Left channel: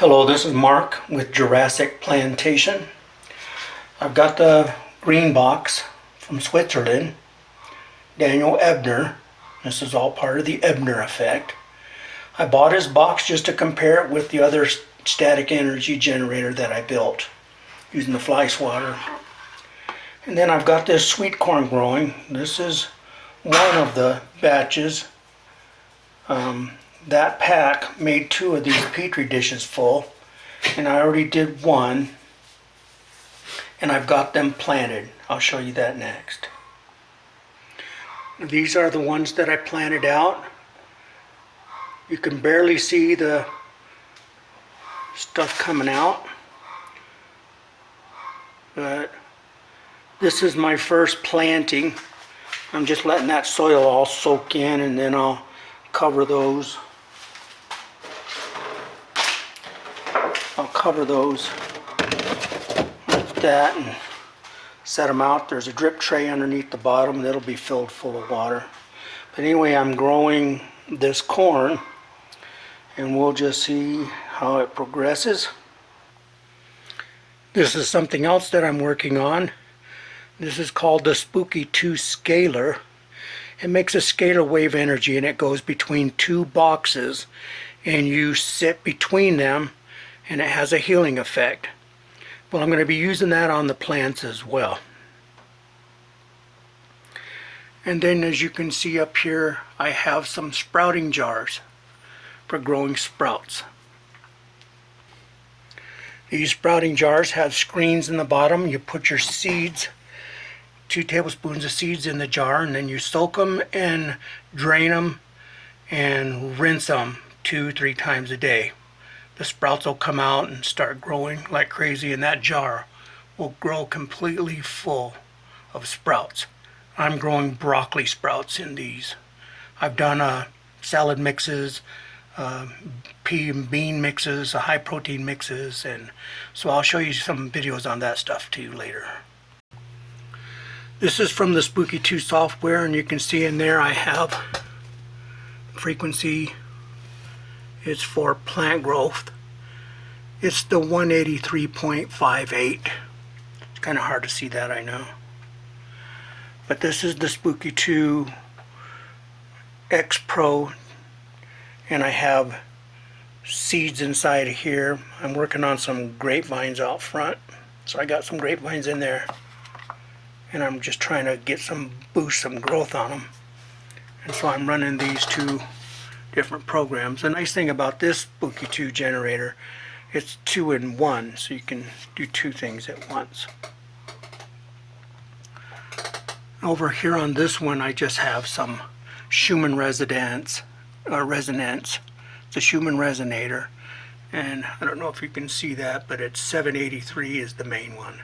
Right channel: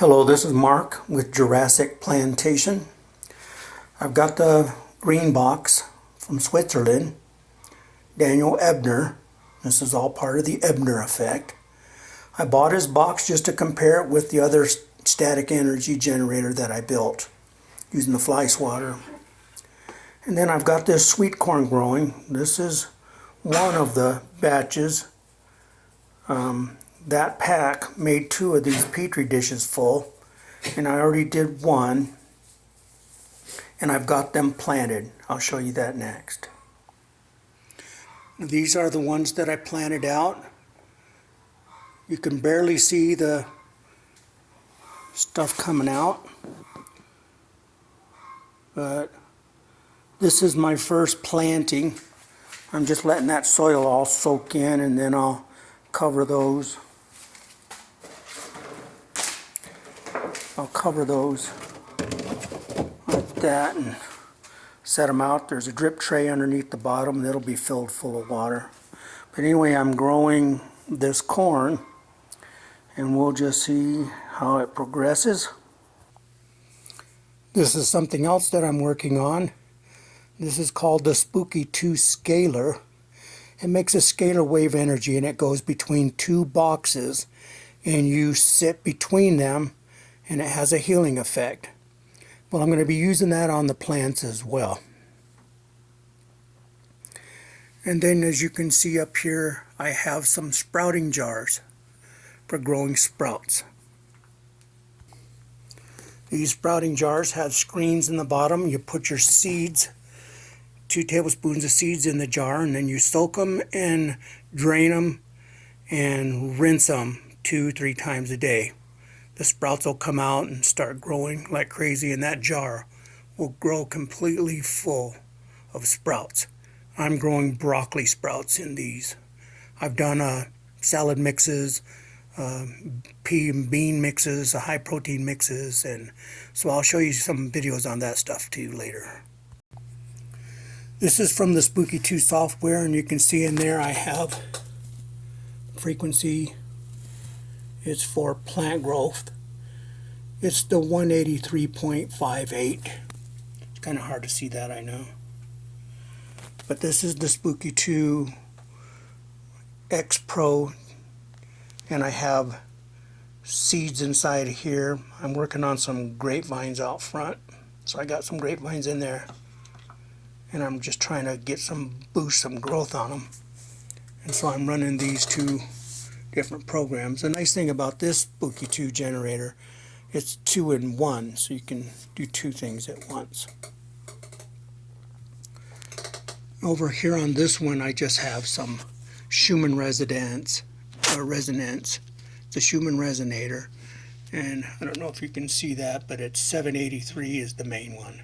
Hello, this is Mark with Jurassic Plantation. I've got the green box from Switzerland, Daniel Ebner. This is all part of the Ebner Effect. I bought his box just to compare it with the other static energy generator that I built using the fly swatter. And then I've got this sweet corn growing. This is one of the batches. That pack made 2 of these petri dishes full, and I already did one, and I've got them planted. I'll show you that next. These are the ones that I planted out. You can barely see the stuff coming out, but this is my first planting. I'm just letting that soil all soak in, and then I'll cover those. Like that and set them out. There's a drip tray underneath the bottom that'll be filled full of water. But anyway, I'm growing this corn, and we'll just see how it progresses. This is something else that I'm working on. This is called the Spooky 2 Scalar. It makes a scalar wave energy, and it goes between 2 boxes, and you sit between them, and it has a healing effect. Well, I'm going to be using that on the plants as well. And then, as you can see up here, I have some sprouting jars for growing sprouts. These sprouting jars have screens in the bottom. You put your seeds, 2 tablespoons of seeds in the jar, and then you soak them and drain them and rinse them 2-3 times a day. The sprouts will come out and start growing like crazy, and that jar will grow completely full of sprouts. I'm growing broccoli sprouts in these. I've done salad mixes, pea and bean mixes, high protein mixes, and so I'll show you some videos on that stuff to you later. This is from the Spooky 2 software, and you can see in there I have frequency. It's for plant growth. It's the 183.58. It's kind of hard to see that, I know. But this is the Spooky 2 X Pro, and I have seeds inside of here. I'm working on some grapevines out front, so I got some grapevines in there, and I'm just trying to get boost some growth on them. And so I'm running these 2 different programs. The nice thing about this Spooky 2 generator, it's 2 in 1, so you can do 2 things at once. Over here on this one, I just have some Schumann resonance. It's a Schumann resonator, and I don't know if you can see that, but it's 783 is the main one.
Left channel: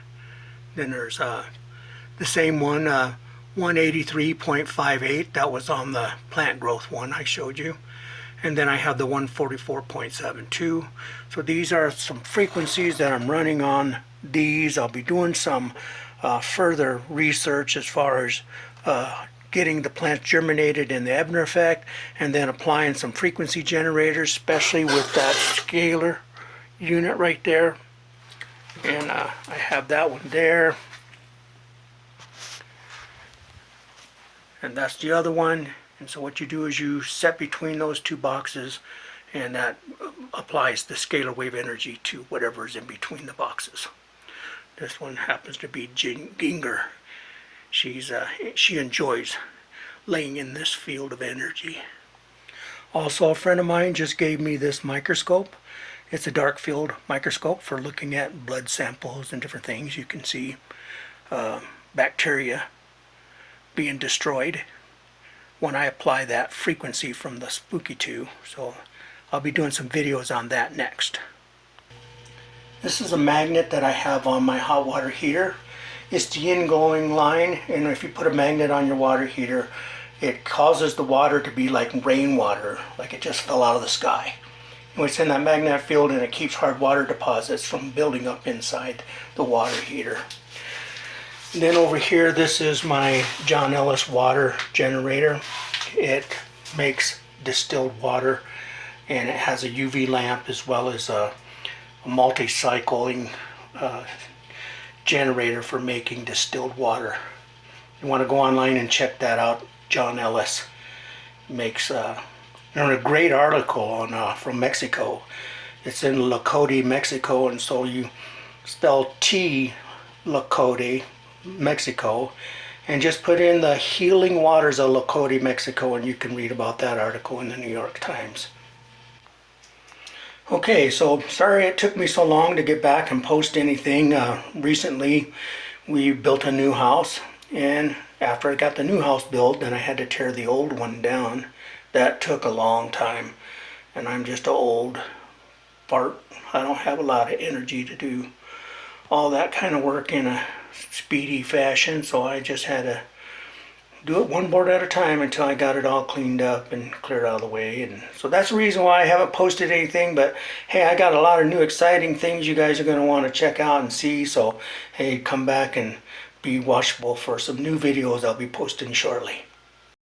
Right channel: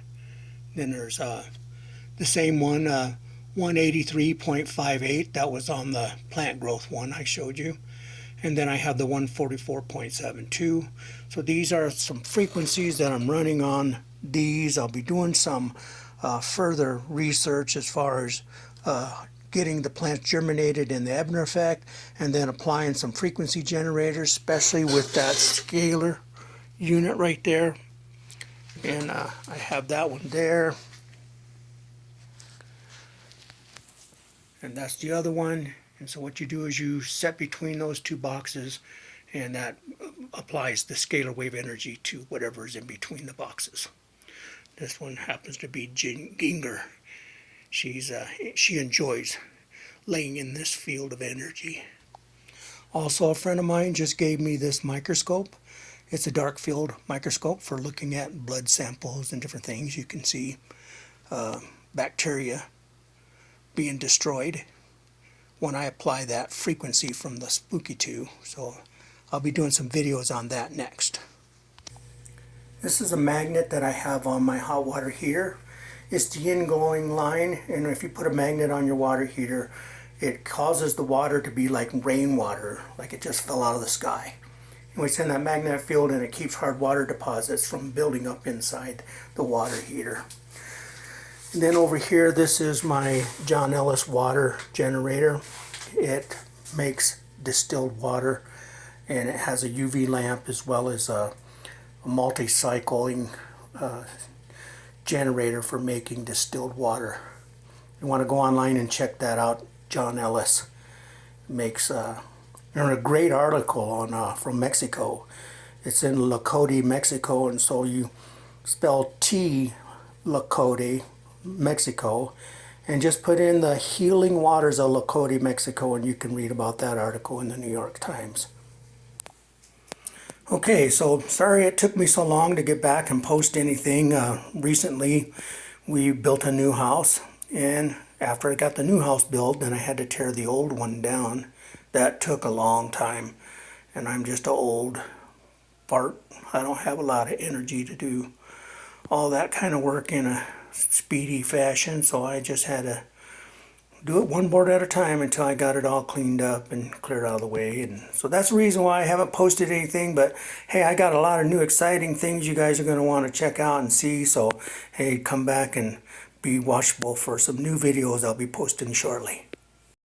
Then there's the same one, 183.58, that was on the plant growth one I showed you. And then I have the 144.72. So these are some frequencies that I'm running on these. I'll be doing some further research as far as getting the plants germinated in the Ebner Effect, and then applying some frequency generators, especially with that scalar unit right there. And I have that one there. And that's the other one. And so what you do is you set between those 2 boxes, and that applies the scalar wave energy to whatever is in between the boxes. This one happens to be Ginger. She enjoys laying in this field of energy. Also, a friend of mine just gave me this microscope. It's a dark field microscope for looking at blood samples and different things. You can see bacteria being destroyed when I apply that frequency from the Spooky 2. So I'll be doing some videos on that next. This is a magnet that I have on my hot water heater. It's the ingoing line, and if you put a magnet on your water heater, it causes the water to be like rainwater, like it just fell out of the sky. And it's in that magnetic field, and it keeps hard water deposits from building up inside the water heater. And then over here, this is my John Ellis water generator. It makes distilled water, and it has a UV lamp as well as a a multi-cycling generator for making distilled water. You want to go online and check that out. John Ellis makes a great article on from Mexico. It's in Locote, Mexico, and so you spell T Locote, Mexico, and just put in the healing waters of Locote, Mexico, and you can read about that article in the New York Times. Okay, so sorry it took me so long to get back and post anything. Recently we built a new house, and after I got the new house built, then I had to tear the old one down. That took a long time, and I'm just an old fart. I don't have a lot of energy to do all that kind of work in a speedy fashion, so I just had to do it one board at a time until I got it all cleaned up and cleared out of the way. And so that's the reason why I haven't posted anything. But hey, I got a lot of new exciting things you guys are going to want to check out and see. So hey, come back and be watchful for some new videos I'll be posting shortly.